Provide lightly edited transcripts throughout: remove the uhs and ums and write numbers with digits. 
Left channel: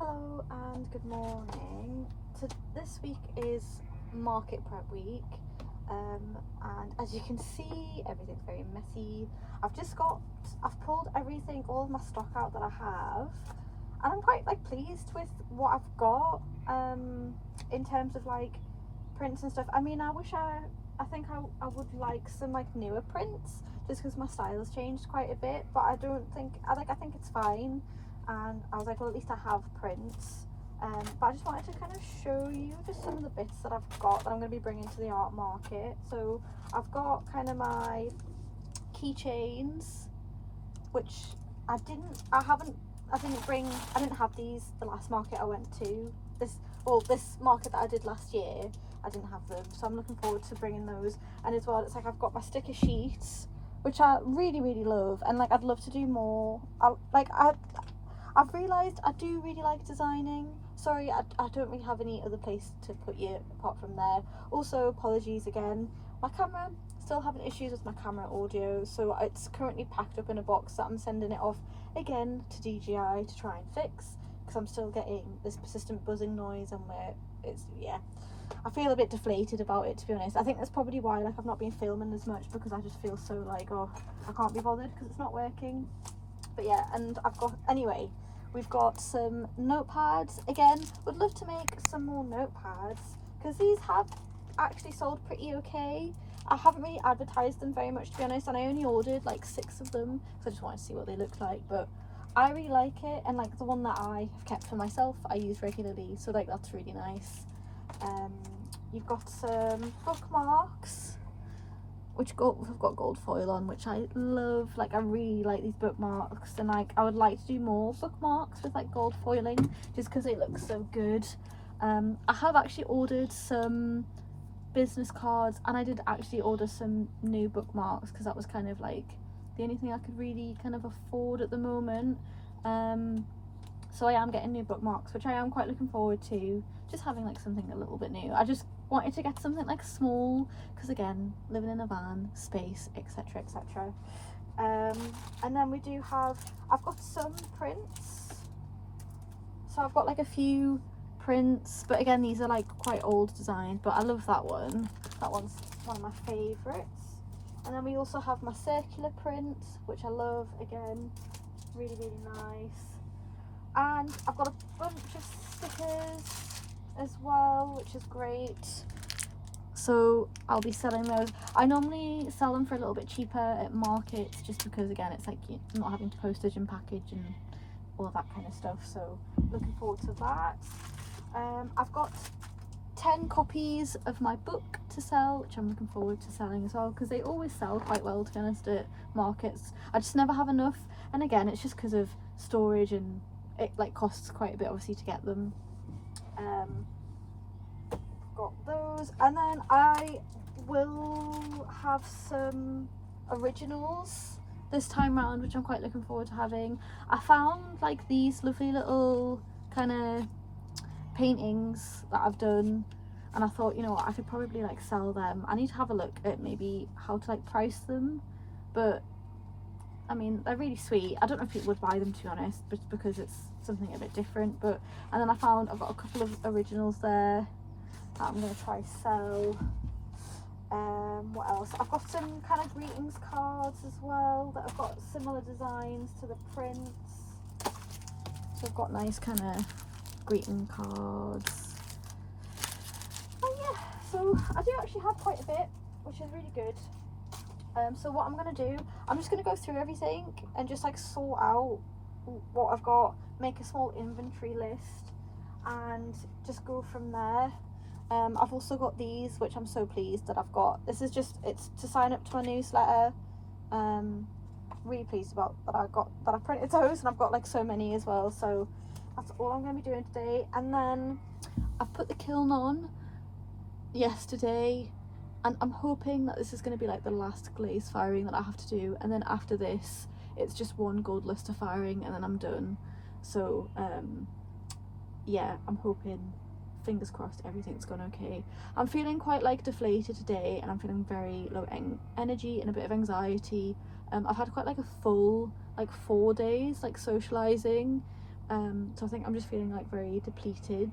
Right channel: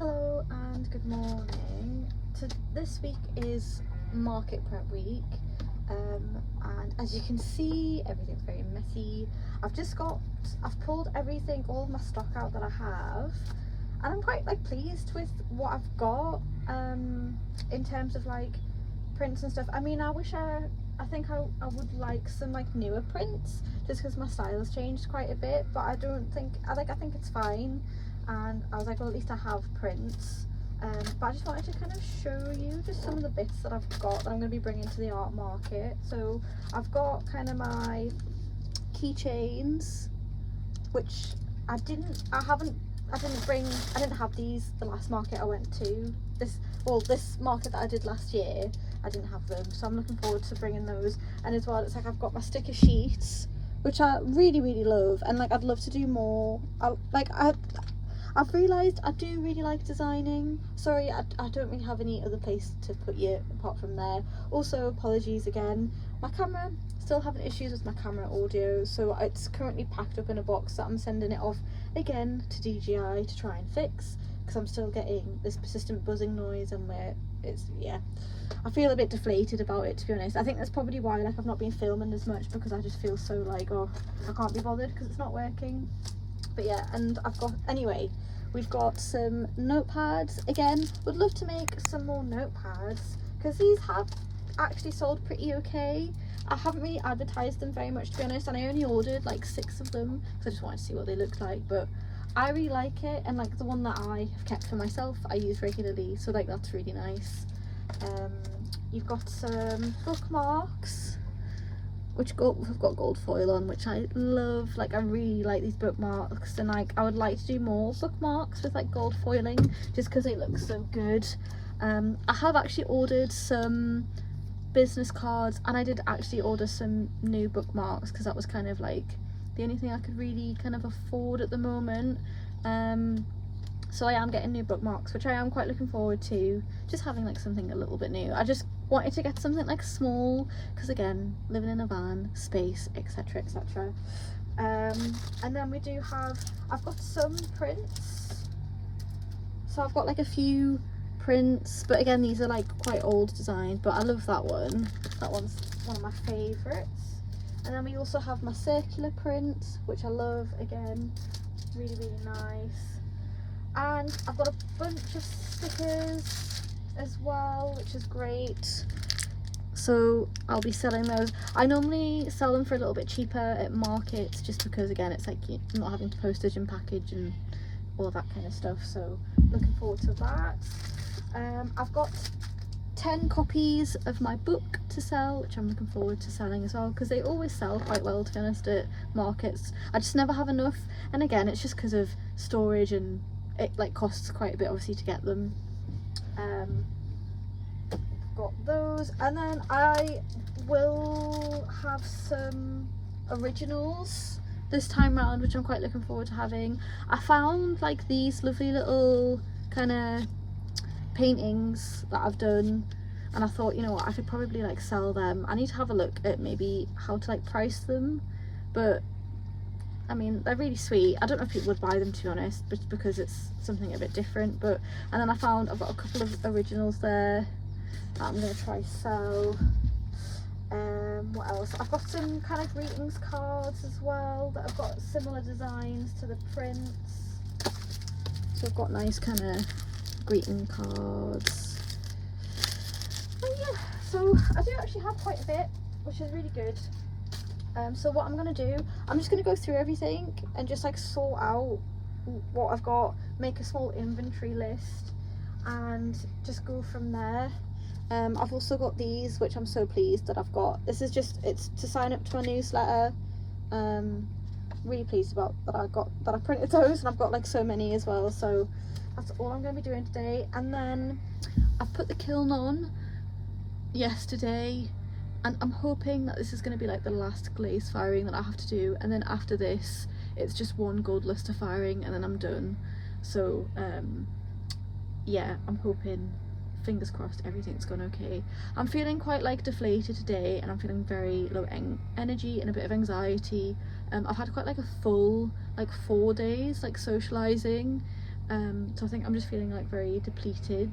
Hello and good morning. This week is market prep week, and as you can see, everything's very messy. I've pulled everything, all of my stock out that I have, and I'm quite pleased with what I've got in terms of prints and stuff. I mean, I think I would like some newer prints, just because my style has changed quite a bit, but I think it's fine. And I was like, well, at least I have prints. But I just wanted to kind of show you just some of the bits that I've got that I'm going to be bringing to the art market. So I've got kind of my keychains, which I didn't have these the last market I went to. This market that I did last year, I didn't have them, so I'm looking forward to bringing those. And as well, it's like I've got my sticker sheets, which I really love, and I'd love to do more. I've realised I do really like designing. Sorry, I don't really have any other place to put you apart from there. Also, apologies again. My camera, still having issues with my camera audio, so it's currently packed up in a box that I'm sending it off again to DJI to try and fix, because I'm still getting this persistent buzzing noise, and I feel a bit deflated about it, to be honest. I think that's probably why I've not been filming as much, because I just feel so oh, I can't be bothered because it's not working. But yeah, and we've got some notepads. Again, would love to make some more notepads, because these have actually sold pretty okay. I haven't really advertised them very much, to be honest, and I only ordered 6 of them because I just wanted to see what they looked like. But I really like it, and the one that I have kept for myself, I use regularly, so that's really nice. You've got some bookmarks, which have got gold foil on, which I love. I really like these bookmarks, and I would like to do more bookmarks with gold foiling, just because they look so good. I have actually ordered some business cards, and I did actually order some new bookmarks, because that was kind of the only thing I could really kind of afford at the moment. So I am getting new bookmarks, which I am quite looking forward to, just having something a little bit new. I just wanted to get something small, because again, living in a van, space, etc, etc. And then I've got some prints, so I've got a few prints, but again, these are quite old designs, but I love that one's one of my favorites. And then we also have my circular print, which I love, again, really nice. And I've got a bunch of stickers as well, which is great, so I'll be selling those. I normally sell them for a little bit cheaper at markets, just because again, it's you're not having to postage and package and all of that kind of stuff, so looking forward to that. I've got 10 copies of my book to sell, which I'm looking forward to selling as well, because they always sell quite well, to be honest, at markets. I just never have enough, and again, it's just because of storage, and it costs quite a bit obviously to get them. Got those, and then I will have some originals this time round, which I'm quite looking forward to having. I found these lovely little kind of paintings that I've done, and I thought, you know what, I could probably sell them. I need to have a look at maybe how to price them, but I mean, they're really sweet. I don't know if people would buy them, to be honest, but because it's something a bit different. But and then I've got a couple of originals there that I'm going to try sell. What else? I've got some kind of greetings cards as well that have got similar designs to the prints. So I've got nice kind of greeting cards. Oh yeah, so I do actually have quite a bit, which is really good. So what I'm going to do, I'm just going to go through everything and just sort out what I've got, make a small inventory list, and just go from there. I've also got these, which I'm so pleased that I've got. It's to sign up to my newsletter. Really pleased about that I printed those, and I've got so many as well, so that's all I'm going to be doing today. And then I've put the kiln on yesterday, and I'm hoping that this is going to be the last glaze firing that I have to do, and then after this it's just one gold luster firing, and then I'm done. So yeah, I'm hoping, fingers crossed, everything's gone okay. I'm feeling quite deflated today, and I'm feeling very low energy and a bit of anxiety. I've had quite a full 4 days socializing, So I think I'm just feeling like very depleted.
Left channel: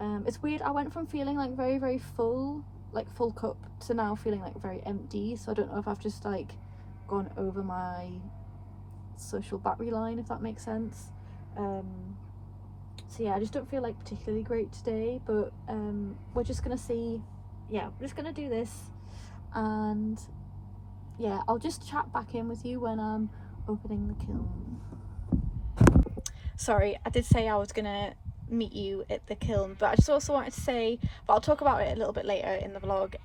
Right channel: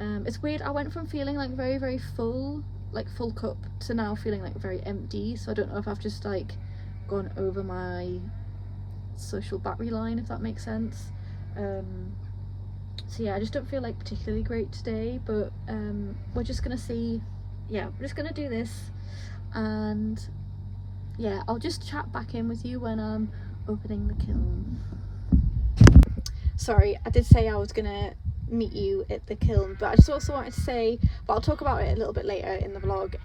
It's weird, I went from feeling like very, very full, like full cup, to now feeling like very empty. So I don't know if I've just like gone over my social battery line, if that makes sense. So yeah, I just don't feel like particularly great today, but we're just gonna see. Yeah, we're just gonna do this, and yeah, I'll just chat back in with you when I'm opening the kiln. Sorry, I did say I was gonna meet you at the kiln, but I just also wanted to say, but I'll talk about it a little bit later in the vlog.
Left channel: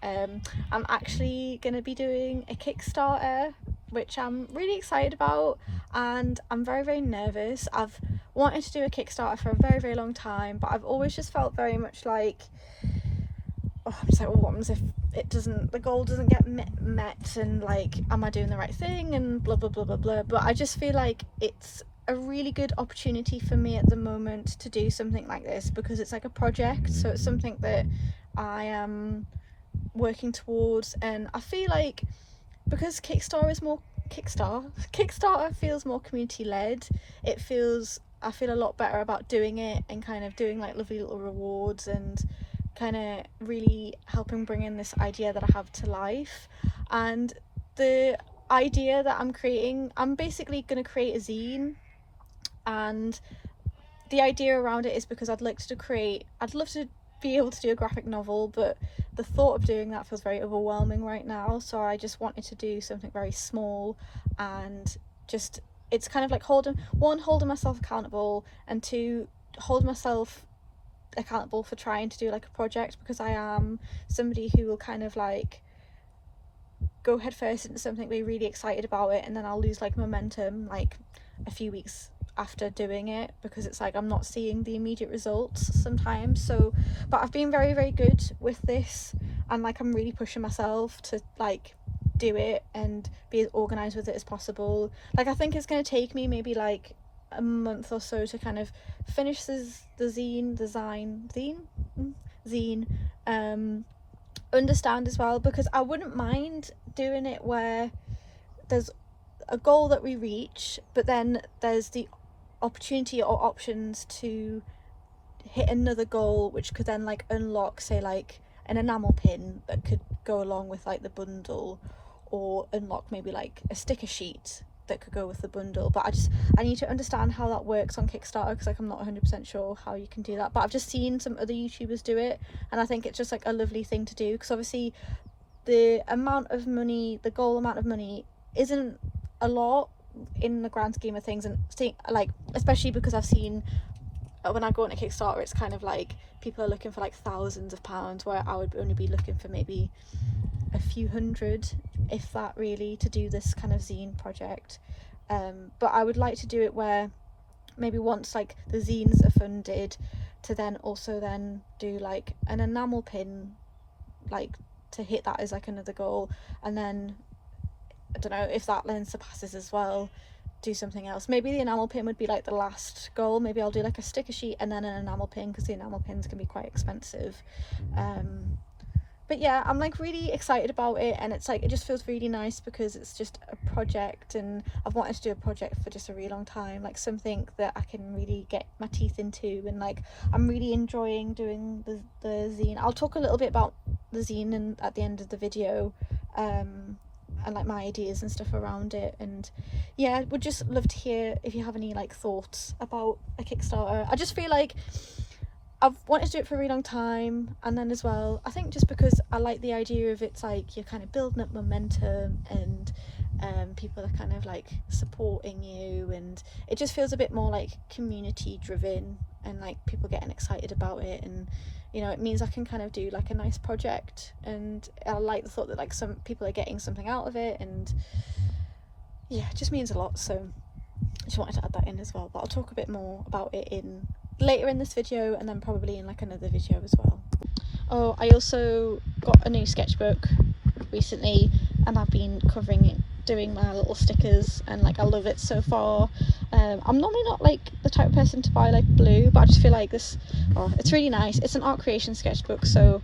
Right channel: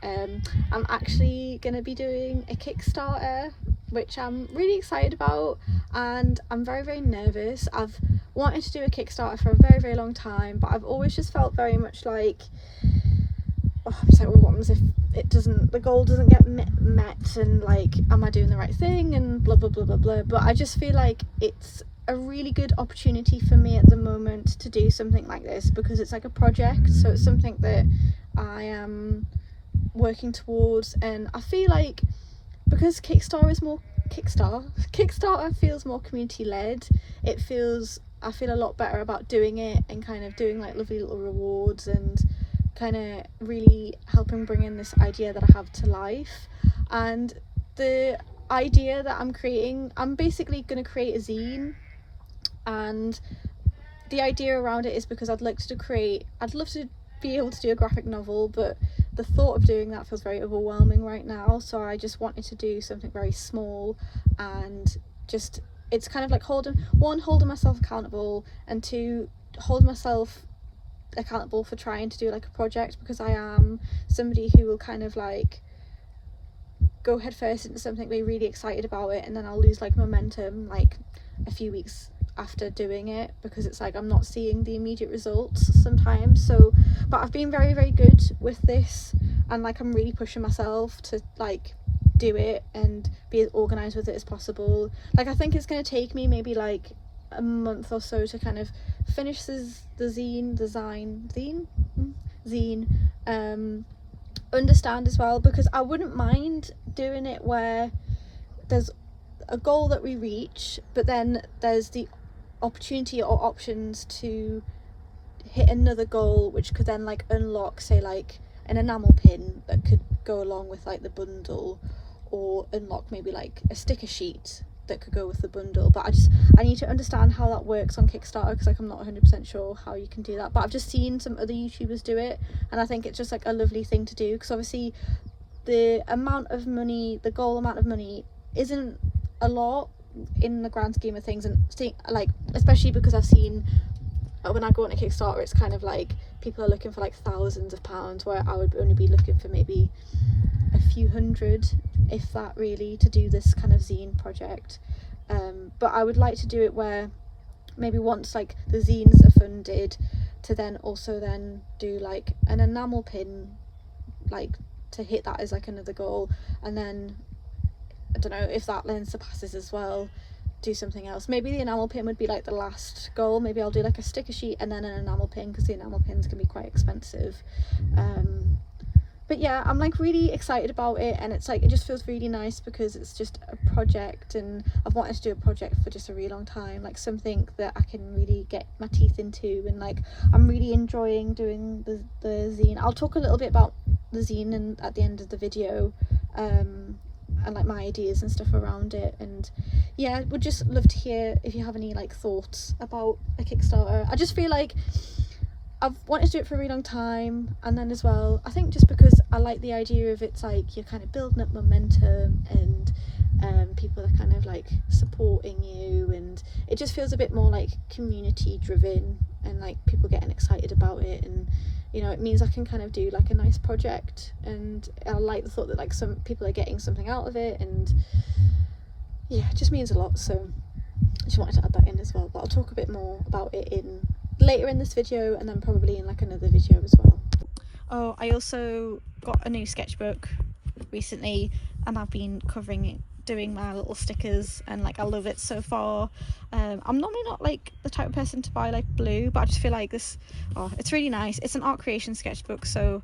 I'm actually gonna be doing a Kickstarter, which I'm really excited about, and I'm very, very nervous. I've wanted to do a Kickstarter for a very, very long time, but I've always just felt very much like, oh, I'm just like, well, what happens if the goal doesn't get met, and like, am I doing the right thing, and blah blah blah blah blah. But I just feel like it's a really good opportunity for me at the moment to do something like this, because it's like a project, so it's something that I am working towards, and I feel like because Kickstarter feels more community led, I feel a lot better about doing it and kind of doing like lovely little rewards and kind of really helping bring in this idea that I have to life. And the idea that I'm basically going to create a zine, and the idea around it is because I'd love to be able to do a graphic novel, but the thought of doing that feels very overwhelming right now. So I just wanted to do something very small, and just, it's kind of like holding myself accountable, and two, hold myself accountable for trying to do like a project, because I am somebody who will kind of like go headfirst into something, be really excited about it, and then I'll lose like momentum like a few weeks after doing it, because it's like I'm not seeing the immediate results sometimes. So, but I've been very, very good with this, and like I'm really pushing myself to like do it and be as organized with it as possible. Like, I think it's going to take me maybe like a month or so to kind of finish the zine, understand as well, because I wouldn't mind doing it where there's a goal that we reach, but then there's the opportunity or options to hit another goal, which could then like unlock, say, like an enamel pin that could go along with like the bundle, or unlock maybe like a sticker sheet that could go with the bundle. But I need to understand how that works on Kickstarter, because like I'm not 100% sure how you can do that. But I've just seen some other YouTubers do it, and I think it's just like a lovely thing to do, because obviously the goal amount of money isn't a lot in the grand scheme of things, and like, especially because I've seen when I go on a Kickstarter, it's kind of like people are looking for like thousands of pounds, where I would only be looking for maybe a few hundred, if that, really, to do this kind of zine project. But I would like to do it where maybe once like the zines are funded, to then also then do like an enamel pin, like to hit that as like another goal, and then I don't know if that then surpasses as well, do something else. Maybe the enamel pin would be like the last goal. Maybe I'll do like a sticker sheet and then an enamel pin, because the enamel pins can be quite expensive. But yeah, I'm like really excited about it, and it's like, it just feels really nice because it's just a project, and I've wanted to do a project for just a really long time, like something that I can really get my teeth into, and like I'm really enjoying doing the zine. I'll talk a little bit about the zine at the end of the video, and like my ideas and stuff around it. And yeah, would just love to hear if you have any like thoughts about a Kickstarter. I just feel like I've wanted to do it for a really long time, and then as well, I think just because I like the idea of it's like you're kind of building up momentum, and people are kind of like supporting you, and it just feels a bit more like community driven, and like people getting excited about it, and you know, it means I can kind of do like a nice project, and I like the thought that like some people are getting something out of it, and yeah, it just means a lot. So I just wanted to add that in as well, but I'll talk a bit more about it later in this video, and then probably in like another video as well. Oh, I also got a new sketchbook recently, and I've been covering it, doing my little stickers, and like I love it so far. I'm normally not like the type of person to buy like blue, but I just feel like this, it's really nice. It's an art creation sketchbook, so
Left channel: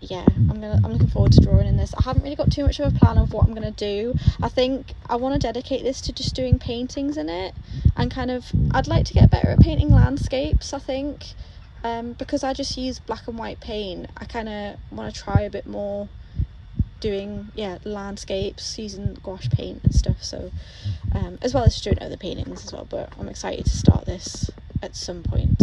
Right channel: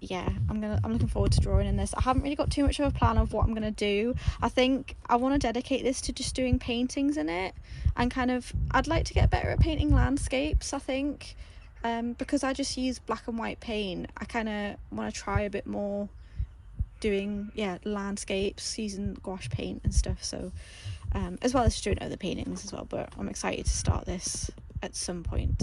yeah, I'm looking forward to drawing in this. I haven't really got too much of a plan of what I'm gonna do. I think I want to dedicate this to just doing paintings in it, and kind of I'd like to get better at painting landscapes, I think, because I just use black and white paint. I kind of want to try a bit more doing landscapes using gouache paint and stuff, so as well as just doing other paintings as well. But I'm excited to start this at some point.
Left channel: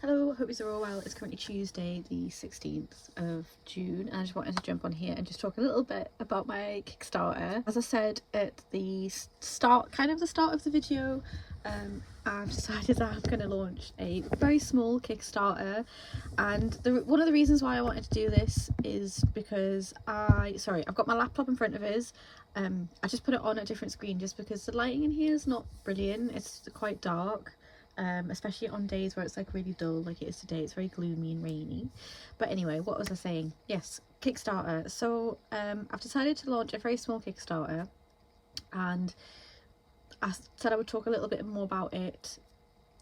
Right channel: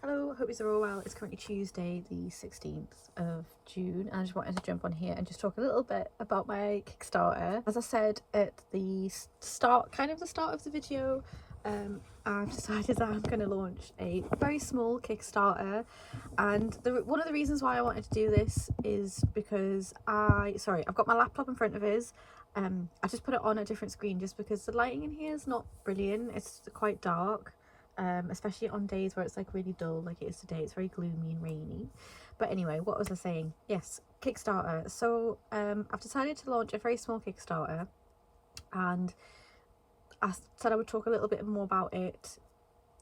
Hello, hope you're all well. It's currently Tuesday the 16th of June, and I just wanted to jump on here and just talk a little bit about my Kickstarter. As I said at the start of the video, I've decided that I'm going to launch a very small Kickstarter, and one of the reasons why I wanted to do this is because I've got my laptop in front of us. I just put it on a different screen just because the lighting in here is not brilliant. It's quite dark. Especially on days where it's like really dull like it is today. It's very gloomy and rainy. But anyway, what was I saying? Yes, Kickstarter. So I've decided to launch a very small Kickstarter, and I said I would talk a little bit more about it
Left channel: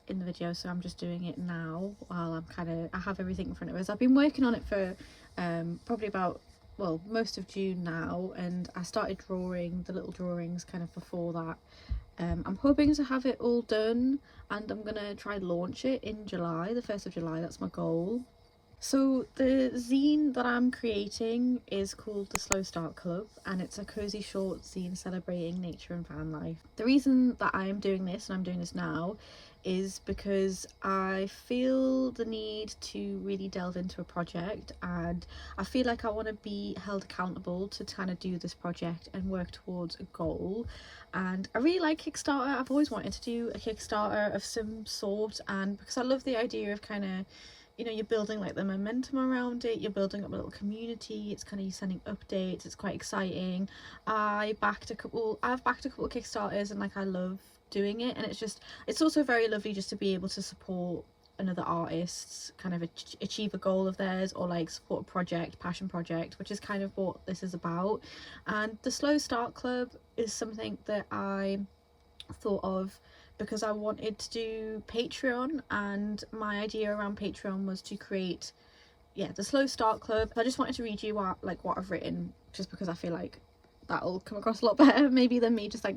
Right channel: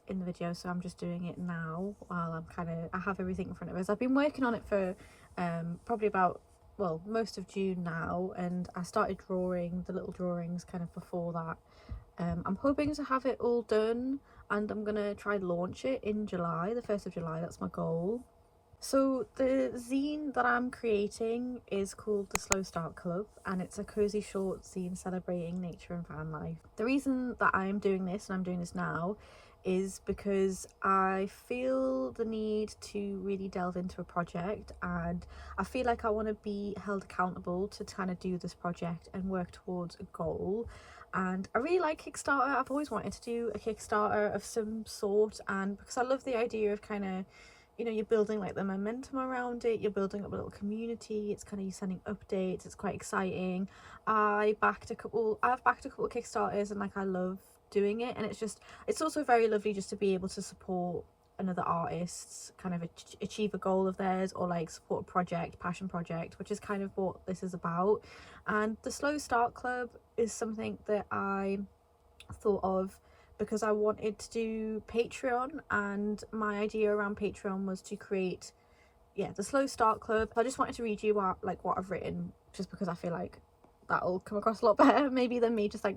in the video, so I'm just doing it now while I have everything in front of us. I've been working on it for probably about most of June now, and I started drawing the little drawings kind of before that. I'm hoping to have it all done, and I'm gonna try launch it in July, the 1st of July. That's my goal. So the zine that I'm creating is called the Slow Start Club, and it's a cozy short zine celebrating nature and van life. The reason that I'm doing this, and I'm doing this now, is because I feel the need to really delve into a project, and I feel like I want to be held accountable to kind of do this project and work towards a goal. And I really like Kickstarter. I've always wanted to do a Kickstarter of some sort, and because I love the idea of kind of, you're building like the momentum around it, you're building up a little community, it's kind of you sending updates, it's quite exciting. I've backed a couple Kickstarters, and like I love doing it, and it's also very lovely just to be able to support another artist's kind of achieve a goal of theirs, or like support a passion project, which is kind of what this is about. And the Slow Start Club is something that I thought of because I wanted to do Patreon, and my idea around Patreon was to create the Slow Start Club. I just wanted to read you what I've written, just because I feel like that'll come across a lot better maybe than me just like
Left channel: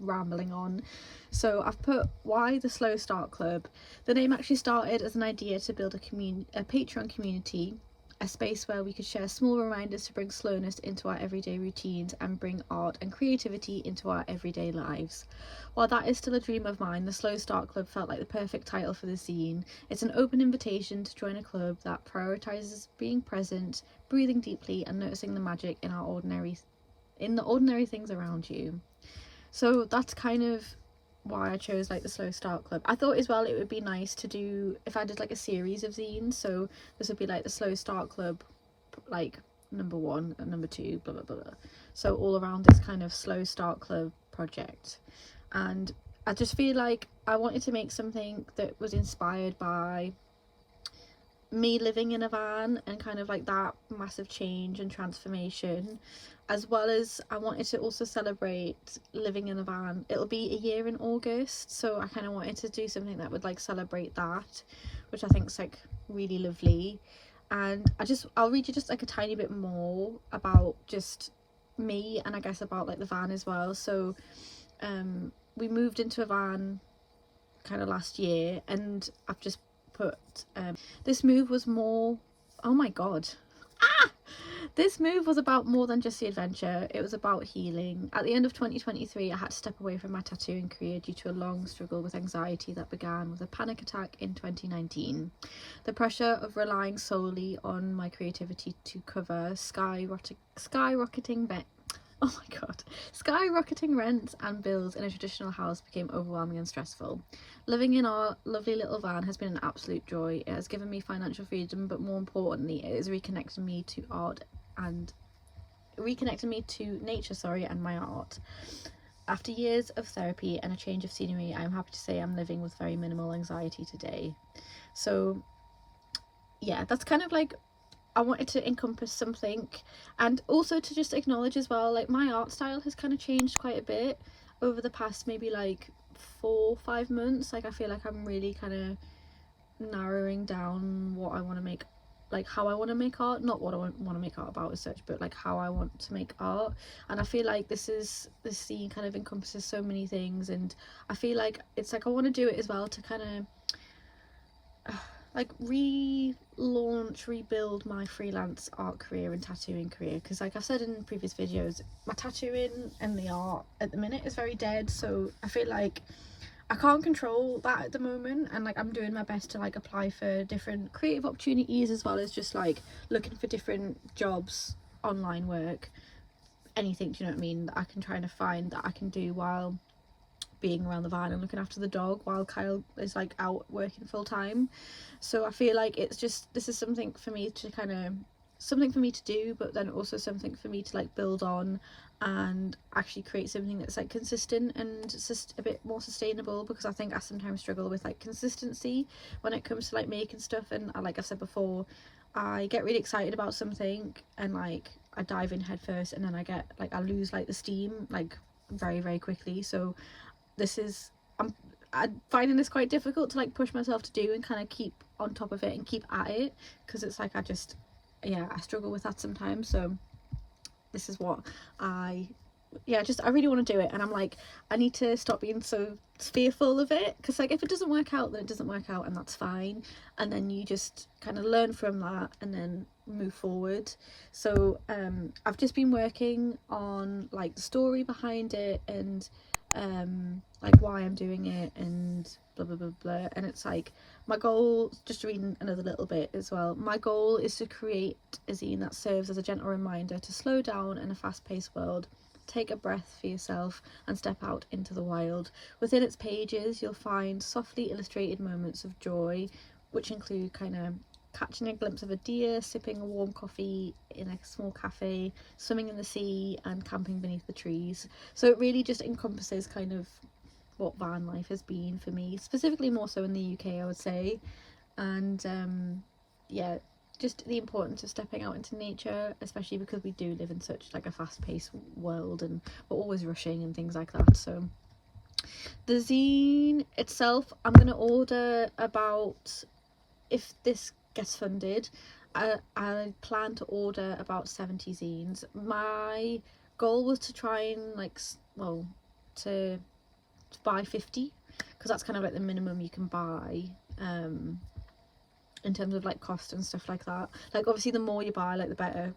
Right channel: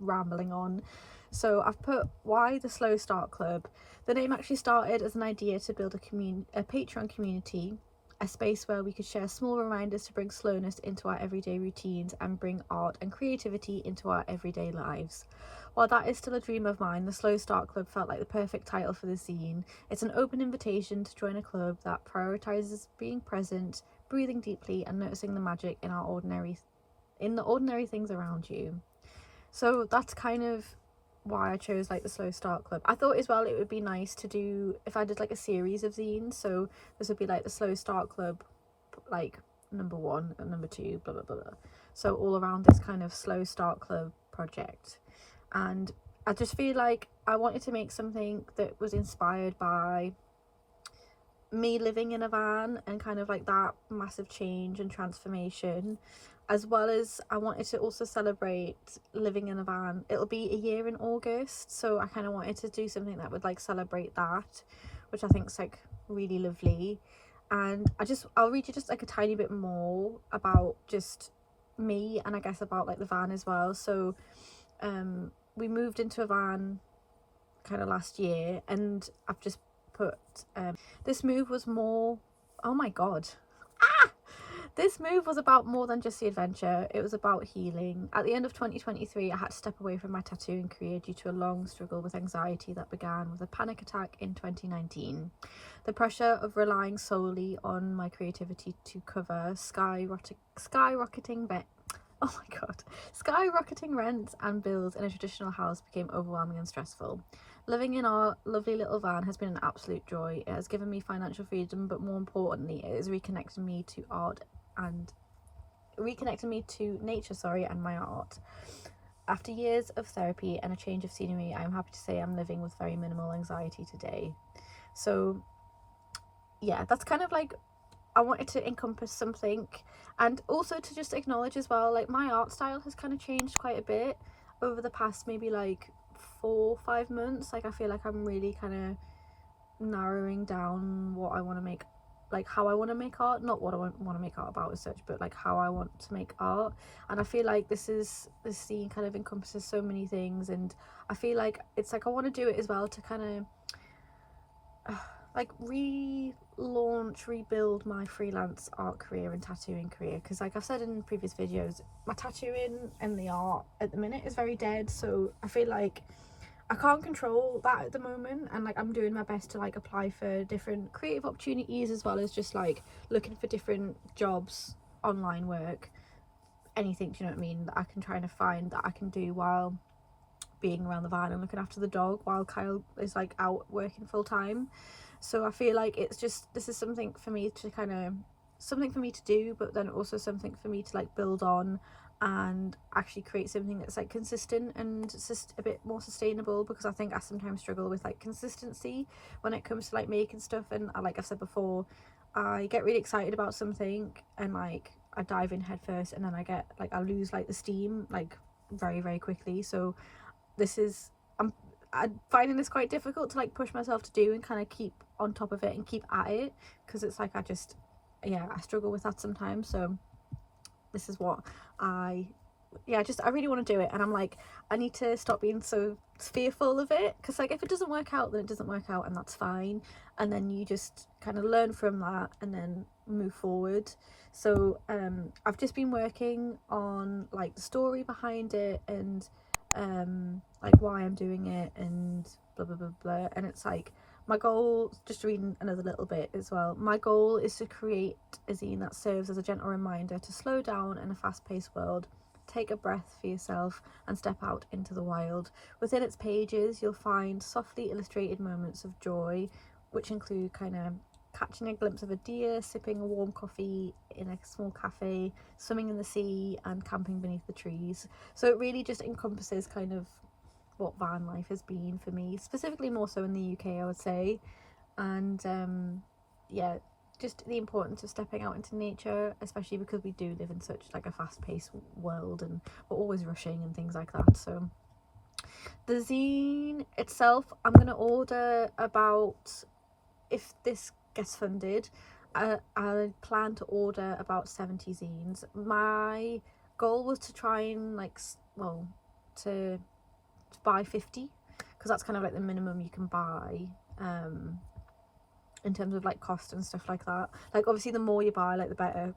rambling on. So I've put, why the Slow Start Club? The name actually started as an idea to build a Patreon community, a space where we could share small reminders to bring slowness into our everyday routines and bring art and creativity into our everyday lives. While that is still a dream of mine, the Slow Start Club felt like the perfect title for the zine. It's an open invitation to join a club that prioritises being present, breathing deeply, and noticing the magic in the ordinary things around you. So that's kind of why I chose like the Slow Start Club. I thought as well it would be nice to do if I did like a series of zines. So this would be like the Slow Start Club, like number 1 and number 2, blah blah blah. So all around this kind of Slow Start Club project. And I just feel like I wanted to make something that was inspired by me living in a van and kind of like that massive change and transformation, as well as I wanted to also celebrate living in a van. It'll be a year in August, so I kind of wanted to do something that would like celebrate that, which I think is like really lovely. And I'll read you just like a tiny bit more about just me, and I guess about like the van as well. So we moved into a van kind of last year, and I've just put this move was more, oh my god, this move was about more than just the adventure. It was about healing. At the end of 2023, I had to step away from my tattooing career due to a long struggle with anxiety that began with a panic attack in 2019. The pressure of relying solely on my creativity to cover skyrocketing rents and bills in a traditional house became overwhelming and stressful. Living in our lovely little van has been an absolute joy. It has given me financial freedom, but more importantly, it has reconnected me to nature, and my art. After years of therapy and a change of scenery, I am happy to say I'm living with very minimal anxiety today. So yeah, that's kind of like, I wanted to encompass something, and also to just acknowledge as well, like my art style has kind of changed quite a bit over the past maybe like 4-5 months. Like I feel like I'm really kind of narrowing down what I want to make, like how I want to make art, not what I want to make art about as such, but like how I want to make art. And I feel like this scene kind of encompasses so many things, and I feel like it's like I want to do it as well to kind of like rebuild my freelance art career and tattooing career, because like I've said in previous videos, my tattooing and the art at the minute is very dead. So I feel like I can't control that at the moment, and like I'm doing my best to like apply for different creative opportunities, as well as just like looking for different jobs, online work, anything, do you know what I mean, that I can try to find that I can do while being around the van and looking after the dog while Kyle is like out working full time. So I feel like it's just, this is something for me to do, but then also something for me to like build on and actually create something that's like consistent and just a bit more sustainable, because I think I sometimes struggle with like consistency when it comes to like making stuff. And like I've said before, I get really excited about something and like I dive in head first, and then I lose like the steam like very, very quickly. So I'm finding this quite difficult to like push myself to do and kind of keep on top of it and keep at it, because it's like I struggle with that sometimes. So this is what I really want to do it, and I'm like, I need to stop being so fearful of it, because like if it doesn't work out, then it doesn't work out, and that's fine, and then you just kind of learn from that and then move forward. So I've just been working on like the story behind it, and like why I'm doing it, and blah blah blah blah. And it's like, my goal, just reading another little bit as well, my goal is to create a zine that serves as a gentle reminder to slow down in a fast-paced world, take a breath for yourself, and step out into the wild. Within its pages you'll find softly illustrated moments of joy, which include kind of catching a glimpse of a deer, sipping a warm coffee in a small cafe, swimming in the sea, and camping beneath the trees. So it really just encompasses kind of what van life has been for me, specifically more so in the UK, I would say. And just the importance of stepping out into nature, especially because we do live in such like a fast-paced world and we're always rushing and things like that. So the zine itself, I'm going to order about, if this gets funded, I plan to order about 70 zines. My goal was to try and to buy 50, because that's kind of like the minimum you can buy in terms of like cost and stuff like that. Like obviously the more you buy, like the better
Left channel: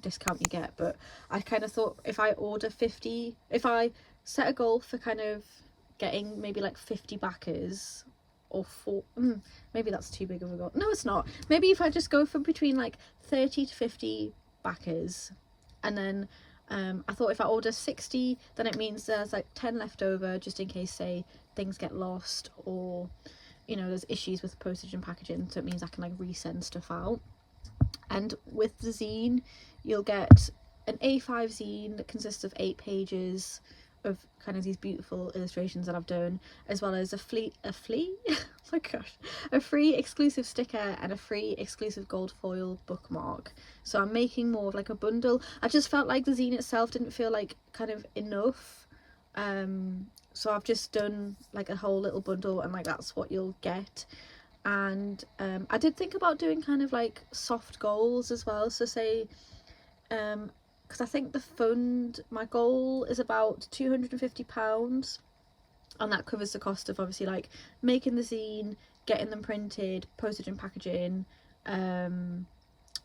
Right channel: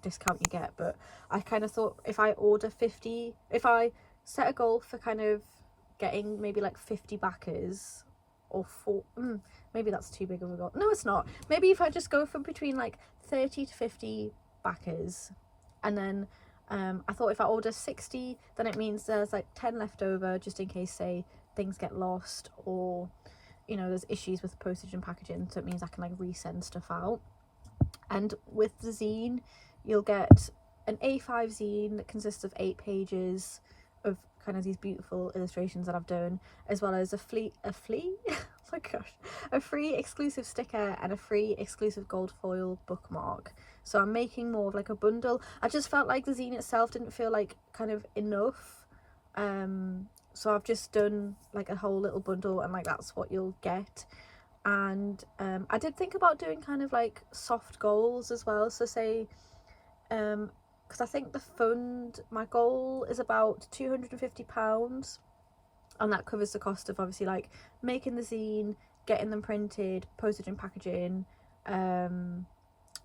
discount you get, but I kind of thought if I order 50, if I set a goal for kind of getting maybe like 50 backers, or maybe that's too big of a goal. No, it's not. Maybe if I just go for between like 30 to 50 backers, and then I thought if I order 60, then it means there's like 10 left over, just in case, say, things get lost, or you know, there's issues with postage and packaging, so it means I can like resend stuff out. And with the zine, you'll get an A5 zine that consists of 8 pages of kind of these beautiful illustrations that I've done, as well as a oh my gosh, a free exclusive sticker and a free exclusive gold foil bookmark. So I'm making more of like a bundle. I just felt like the zine itself didn't feel like kind of enough, so I've just done like a whole little bundle, and like that's what you'll get. And I did think about doing kind of like soft goals as well, so say because I think the fund, my goal is about £250, and that covers the cost of obviously like making the zine, getting them printed, postage and packaging,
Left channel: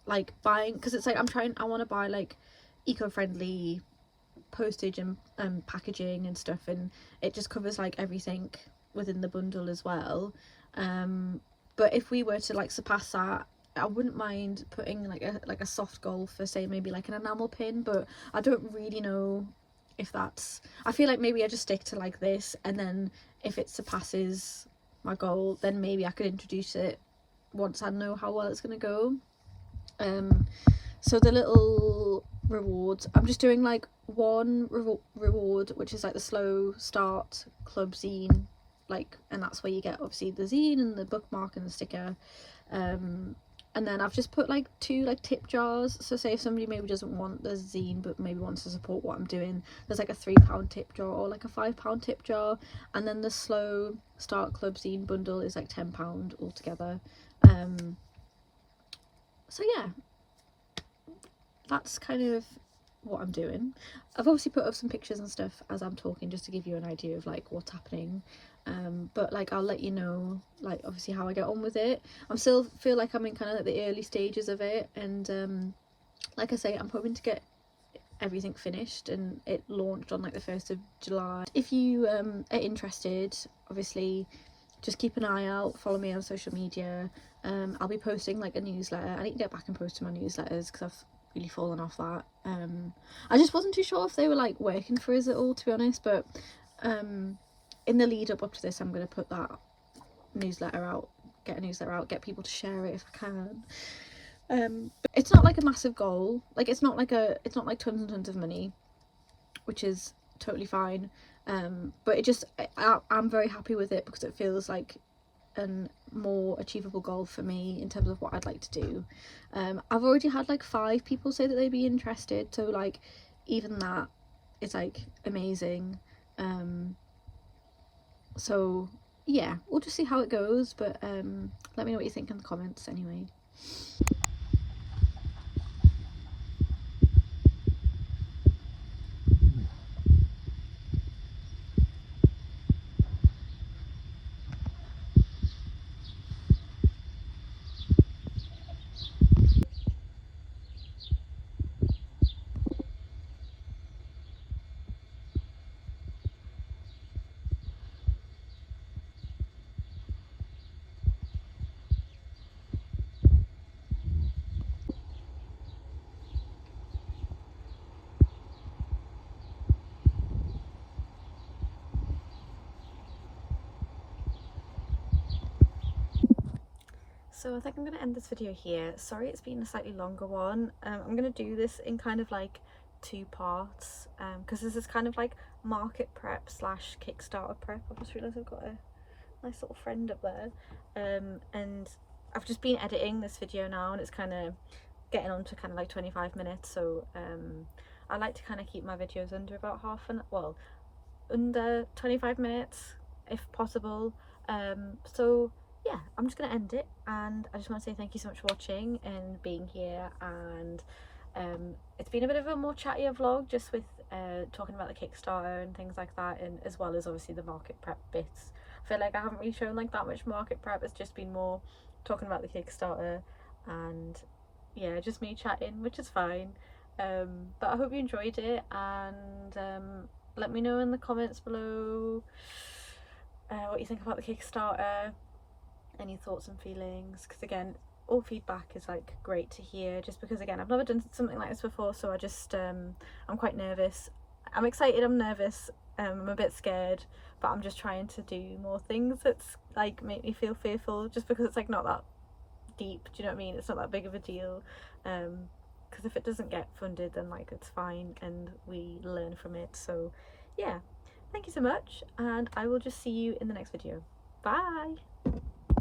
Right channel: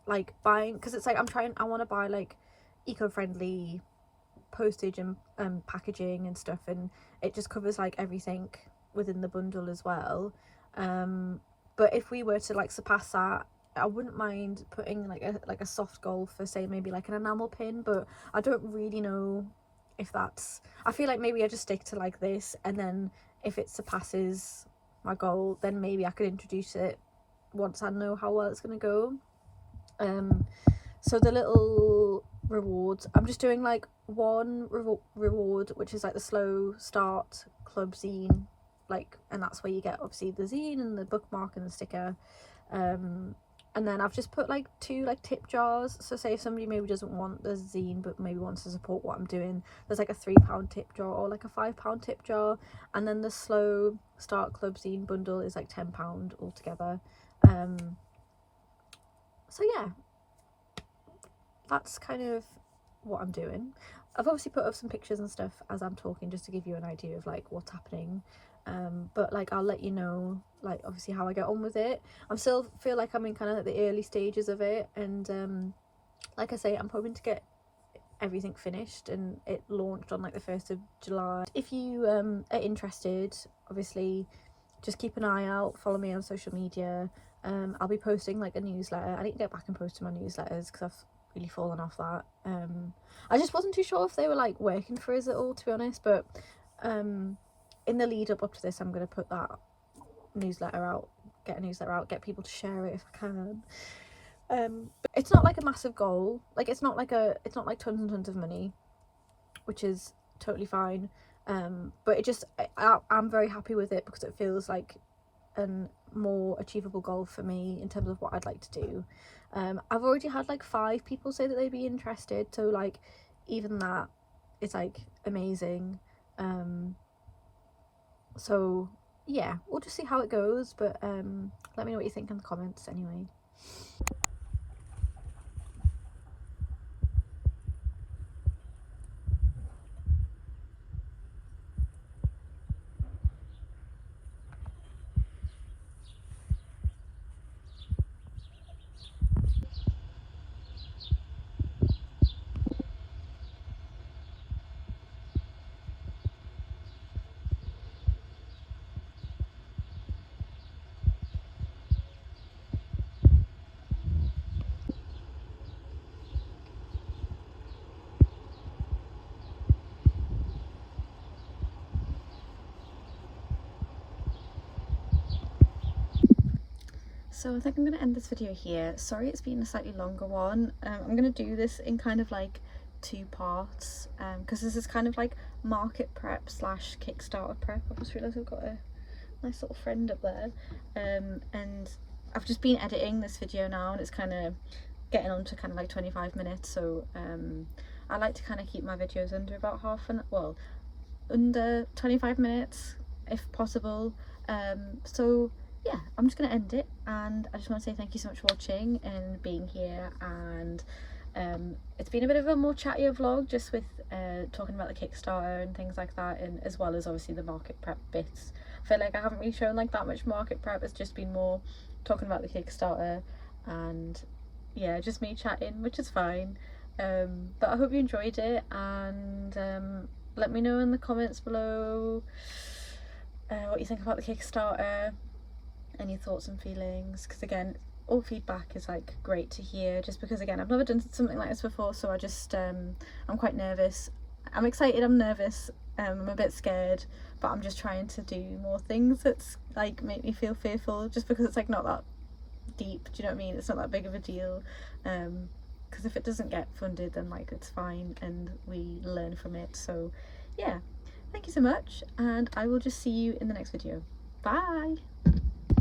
like buying, because it's like I want to buy like eco-friendly postage and packaging and stuff, and it just covers like everything within the bundle as well. But if we were to like surpass that, I wouldn't mind putting like a soft goal for, say, maybe like an enamel pin, but I don't really know if that's, I feel like maybe I just stick to like this, and then if it surpasses my goal, then maybe I could introduce it once I know how well it's gonna go. So the little rewards, I'm just doing like one reward, which is like the slow start club zine, like, and that's where you get obviously the zine and the bookmark and the sticker. And then I've just put like 2 like tip jars, so say if somebody maybe doesn't want the zine but maybe wants to support what I'm doing, there's like a £3 tip jar or like a £5 tip jar, and then the slow start club zine bundle is like £10 altogether. So yeah, that's kind of what I'm doing. I've obviously put up some pictures and stuff as I'm talking, just to give you an idea of like what's happening, but like I'll let you know like obviously how I get on with it. I'm still feel like I'm in kind of like the early stages of it, and like I say, I'm hoping to get everything finished and it launched on like the 1st of July. If you are interested, obviously just keep an eye out, follow me on social media. I'll be posting like a newsletter. I need to get back and post to my newsletters because I've really fallen off that. I just wasn't too sure if they were like working for us at all, to be honest, but in the lead up to this, I'm going to put that newsletter out, get a newsletter out, get people to share it if I can. But it's not like a massive goal, like it's not like tons and tons of money, which is totally fine, but it just, I'm very happy with it because it feels like a more achievable goal for me in terms of what I'd like to do. I've already had like 5 people say that they'd be interested, so like even that is like amazing. So yeah, we'll just see how it goes, but let me know what you think in the comments anyway. So I think I'm going to end this video here. Sorry it's been a slightly longer one. I'm going to do this in kind of like 2 parts, because this is kind of like market prep / Kickstarter prep. I've just realised I've got a nice little friend up there, and I've just been editing this video now, and it's kind of getting on to kind of like 25 minutes, so I like to kind of keep my videos under about under 25 minutes if possible. So yeah, I'm just gonna end it, and I just want to say thank you so much for watching and being here. And it's been a bit of a more chattier vlog, just with talking about the Kickstarter and things like that, and as well as obviously the market prep bits. I feel like I haven't really shown like that much market prep. It's just been more talking about the Kickstarter, and yeah, just me chatting, which is fine. But I hope you enjoyed it, and let me know in the comments below what you think about the Kickstarter, any thoughts and feelings, because again, all feedback is like great to hear, just because again, I've never done something like this before, so I just I'm quite nervous. I'm excited, I'm nervous, I'm a bit scared, but I'm just trying to do more things that's like make me feel fearful, just because it's like not that deep, do you know what I mean? It's not that big of a deal, because if it doesn't get funded, then like it's fine and we learn from it. So yeah, thank you so much, and I will just see you in the next video. Bye.